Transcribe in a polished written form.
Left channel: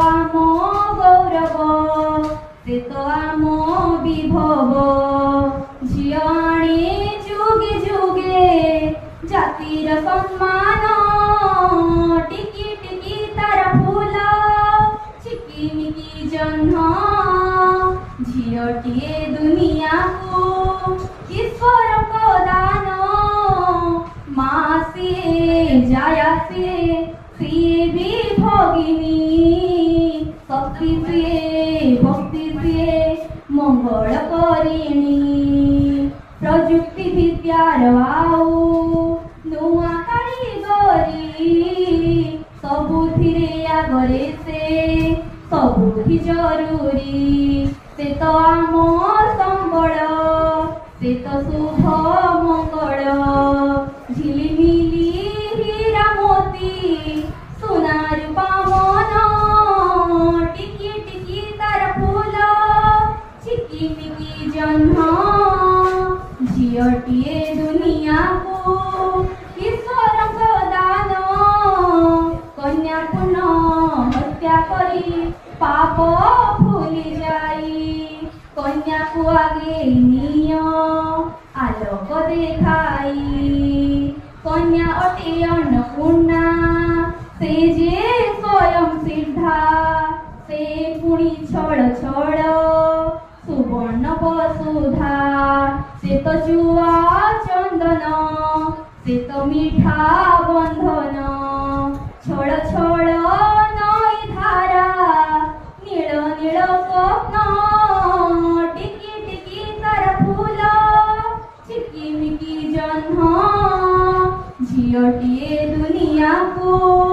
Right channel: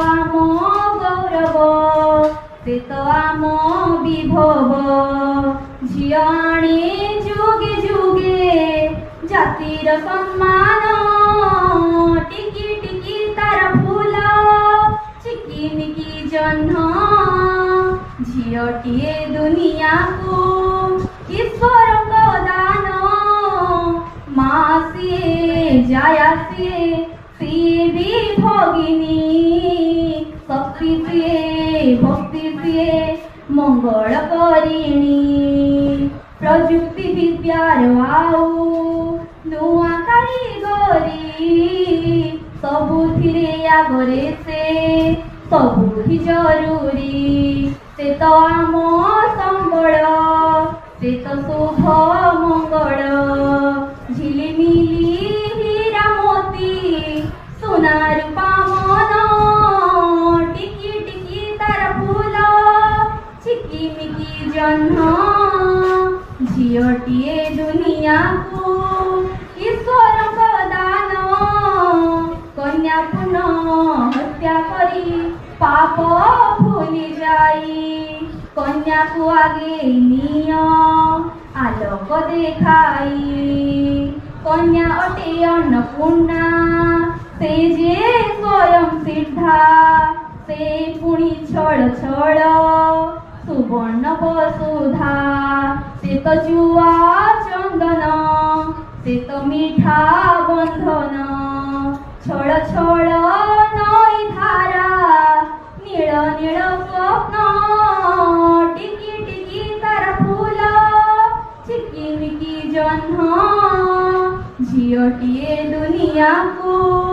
आम गौरव से तो आम विभव झियो आणे जुगे जुगे जातिर सम्मान टिकी टिकी तार फूल चिकिमिकी जह्न झियोटिए दुनिया को ईश्वर को दान माँ सिए जाया सिए भी भगिनी शक्ति सिए भक्ति सिए मंगल करिणी प्रजुक्ति विद्यार आउ नुआ कारीगरी सबुथिरे आगरे से सबुथि जरूरी से तो आम संबल से तो शुभ मंगल झिलिमिली हीरा मोती सोना रूपा मन टिकी टिकी तार फूल चिकिमिकी जह्न झियोटिए दुनिया को ईश्वर को दान कन्या पुनः हत्या करी पाप भूली जाई कन्या को आगे निय आलोक देखाई कन्या अटे अन्नपूर्णा से जे स्वयं सिद्धा से पुणी छड़ छड़ सुवर्ण वसुधा से तो जुआ चंदन से तो मीठा बंधन छड़ छड़ नई धारा नील नील स्वप्न टिकी टिकी तार फूल चिकिमिकी जह्न झियोटिए दुनिया को